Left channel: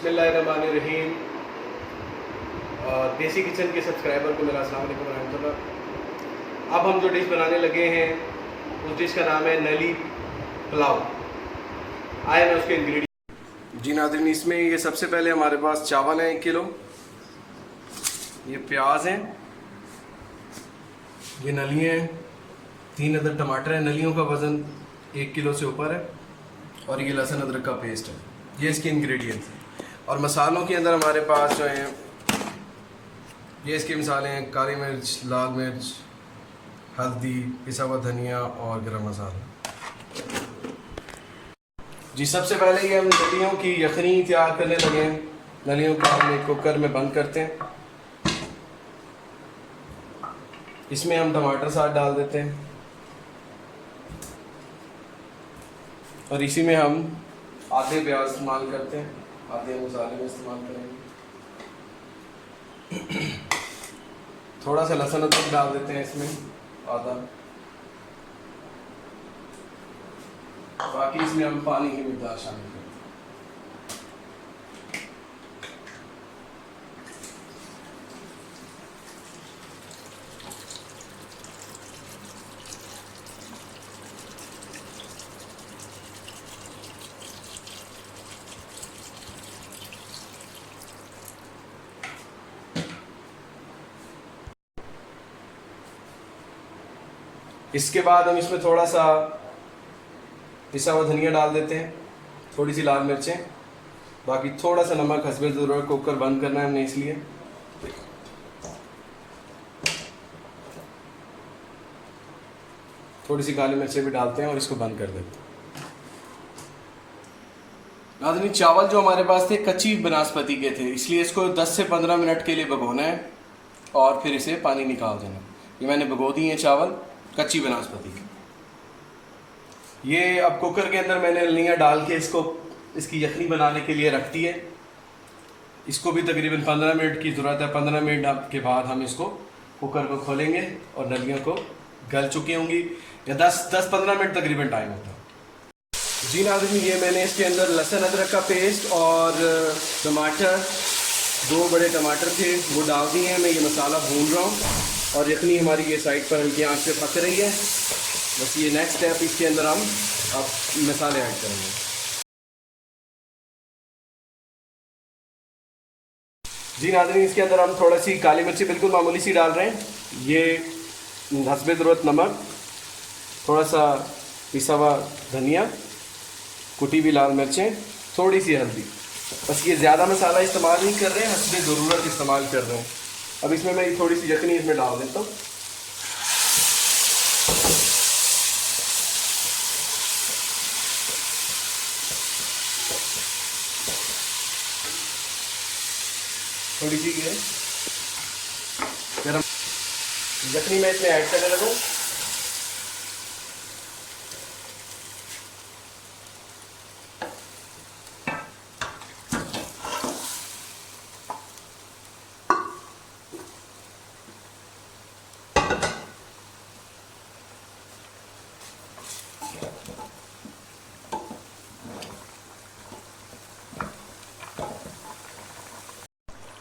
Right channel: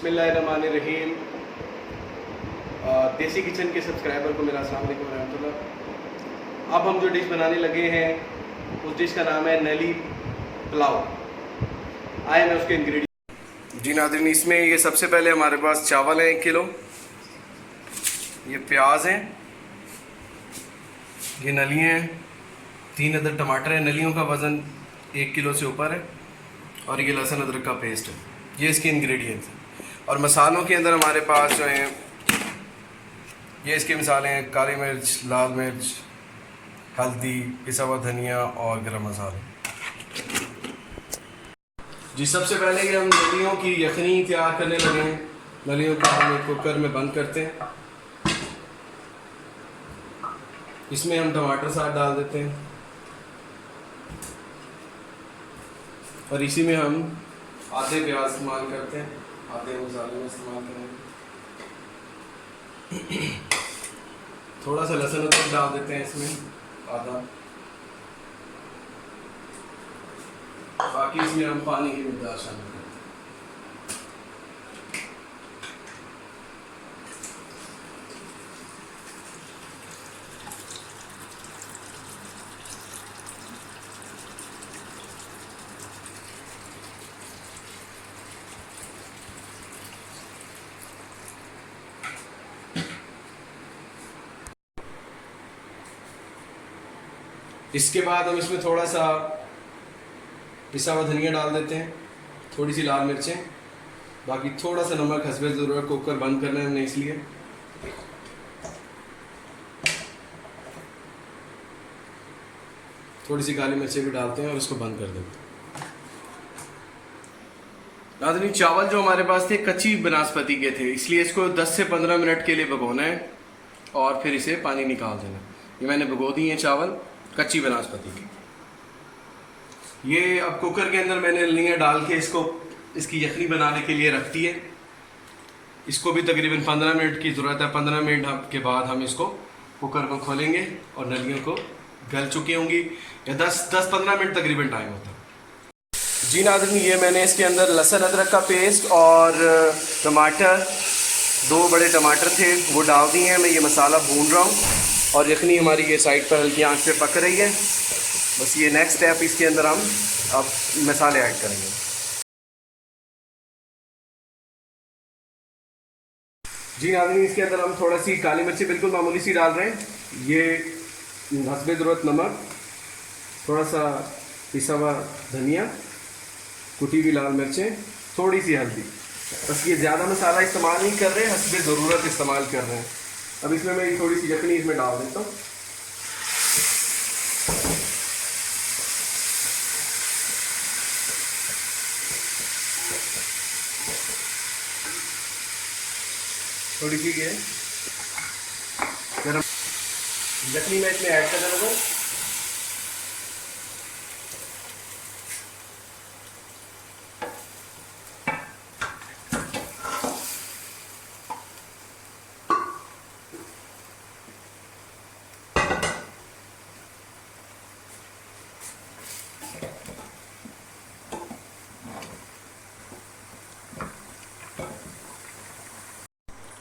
बिस्मिल्लाहिर्रहमानिर्रहीम। देसी किचन के सब्सक्राइबर को मेरा अस्सलाम वालेकुम रहमतुल्लाह। अब हम जो डिश बनाने लगे हैं उस डिश का नाम है नली पुलाव। आए मैं उसके इंग्रेडिएंट। जी नाज़रीन, इसमें ये सबसे पहले हमारे पास चावल हैं 1 किलो, ये प्याज हैं, ये नलियाँ हैं, 3 अदर टमाटर हैं, नलियों का वज़न 1 किलो से ऊपर है, और ये लहसुन अदरक का पेस्ट है। ये इसके इंग्रेडिएंट्स हैं। और मसालों के अंदर हमारे पास जो हैं ये इसके मिसालें हैं: काली मिर्च, लाल मिर्च, हल्दी, पिसा हुआ धनिया और गरम मसाले। जी सबसे पहले ये हम नलियों की यखनी तैयार करने लगे हैं। नलियों को हम एक कुकर में बंद करते हैं, इसमें हम टमाटर साथ डाल देते हैं और इसी में हम आधे प्याज इस्तेमाल करते हैं, आधे मसाले में इस्तेमाल करेंगे। थोड़ा सा लहसुन अदरक डाल देते हैं इसमें, आधा। बाकी इसमें हम पानी की मिक़दार शामिल करेंगे। इसके बाद हम इसमें थोड़ा सा पिसा हुआ धनिया डाल देते हैं, थोड़ी सी लाल मिर्चें, बाकी थोड़ा सा नमक हस्बे ज़रूरत। कुकर बंद करना है हमने इसलिए। थोड़ी सी काली मिर्चें भी डालते हैं और इसको बंद कर देते हैं। नाज़रीन, चावल जो हमारे पास थे कच्ची बनास्पति के थे, इसलिए इसको 10 से 15 मिनट के लिए भिगोना है और फिर इसे पानी निकाल देना। ये मैंने भिगो दिए हैं चावल कच्ची बनास्पति की। ये अब कुकर के अंदर मैंने नलियाँ डाल के इसकी यखनी बनाने के लिए रख दी है। इसको भी तकरीबन 15 मिनट की ज़रूरत है। 15 मिनट के बाद हम इसको कुकर को खोलेंगे और नलियों को गल चुकी होंगी, या 10-15 मिनट तकरीबन टाइम होता है। जी नाज़रीन, ये मैंने इसके अंदर लहसुन अदरक का पेस्ट और टमाटर, 2 बड़े टमाटर थे वो डाल दिए हैं। मैं ये मसाला भून रहा हूँ और यखनी हमारी ये साइड पर हल्की आंच पे पक रही है। बस ये नेक्स्ट स्टेप, इसके अंदर हम अब मसाले ऐड करेंगे। जी नाज़रीन, इसके अंदर हम थोड़ा सी काली मिर्ची बिल्कुल मामूली सी डाल रहे हैं, ये हस्बे ज़रूरत नमक, थोड़ा सा पिसा हुआ धनिया, कुटी हुई लाल मिर्चें, थोड़ी सी हल्दी। बस ये ज़्यादा मसाला इस्तेमाल नहीं कर रहे हैं, हस्बे ज़रूरत इस्तेमाल कर रहे हैं। अब इसमें मैं थोड़ी सी यखनी इसमें डाल देता हूँ। थोड़ी सी ये गरम यखनी मैं इसमें ऐड करने लगा।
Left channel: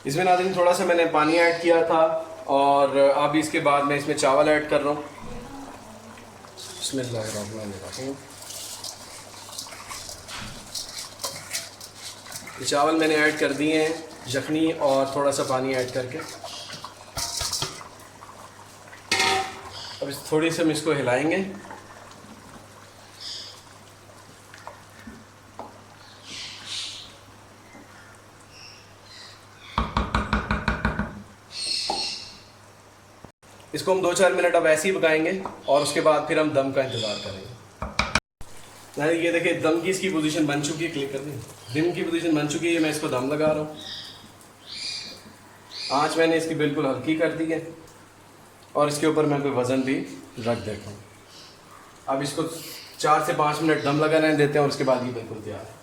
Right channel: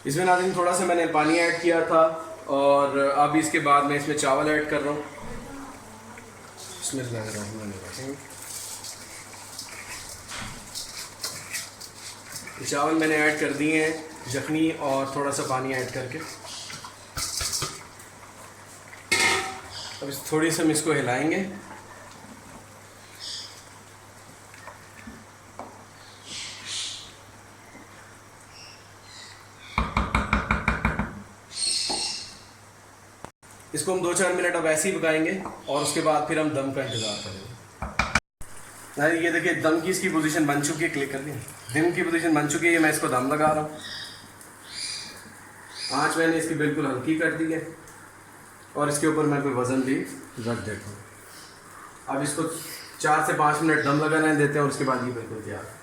इसमें नाज़रीन थोड़ा सा मैंने पानी ऐड किया था और अब इसके बाद मैं इसमें चावल ऐड कर रहा हूँ। बिस्मिल्लाहिर्रहमानिर्रहीम। ये चावल मैंने ऐड कर दिए हैं यखनी और थोड़ा सा पानी ऐड करके। अब थोड़ी सी हम इसको हिलाएंगे। इसको हम 2-4 मिनट अब ऐसे ही पकाएंगे और उसके बाद फिर हम दम का इंतज़ार करेंगे। नहीं, ये देखिए दम की इसकी पोजीशन बन चुकी है। क्लिक कर दिए, दम की पोजीशन बन चुकी है। मैं इसको दम लगा रहा हूँ। आँच मैंने इसकी बिल्कुल हल्की कर दी है और इसके ऊपर मैं कोई वज़न भी रख देता हूँ। अब इसको 4 से 5 मिनट दम लगाने देते हैं और उसके बाद ये बिल्कुल तैयार है।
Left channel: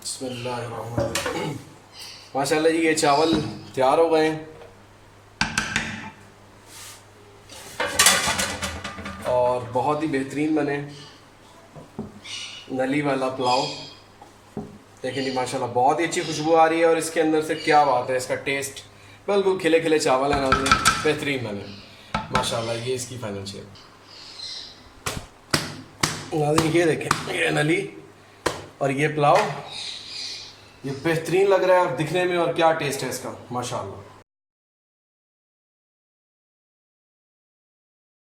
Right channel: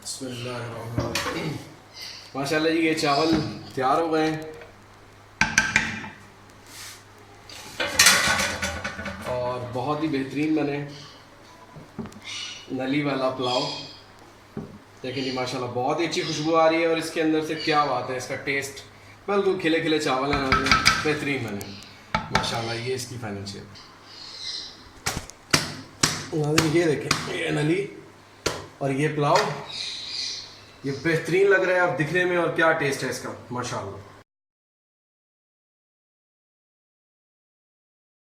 बिस्मिल्लाहिर्रहमानिर्रहीम। माशाल्लाह जी, ये चावल तैयार हो गए हैं और बहुत ही बेहतरीन बने। नली वाला पुलाव देखें जी माशाल्लाह बहुत ही अच्छी खुशबू आ रही है। और इसके अंदर से क्या बात है, इसका टेस्ट बिल्कुल खिले खिले चावल है नाज़रीन, बेहतरीन बने माशाल्लाह। ये इसकी फाइनल शेप नाज़रीन, ये देखें, ये नली और ये पुलाव, ये बेहतरीन लग रहा है अब दिखने में, और क्या टेस्ट है इसका माशाल्लाह।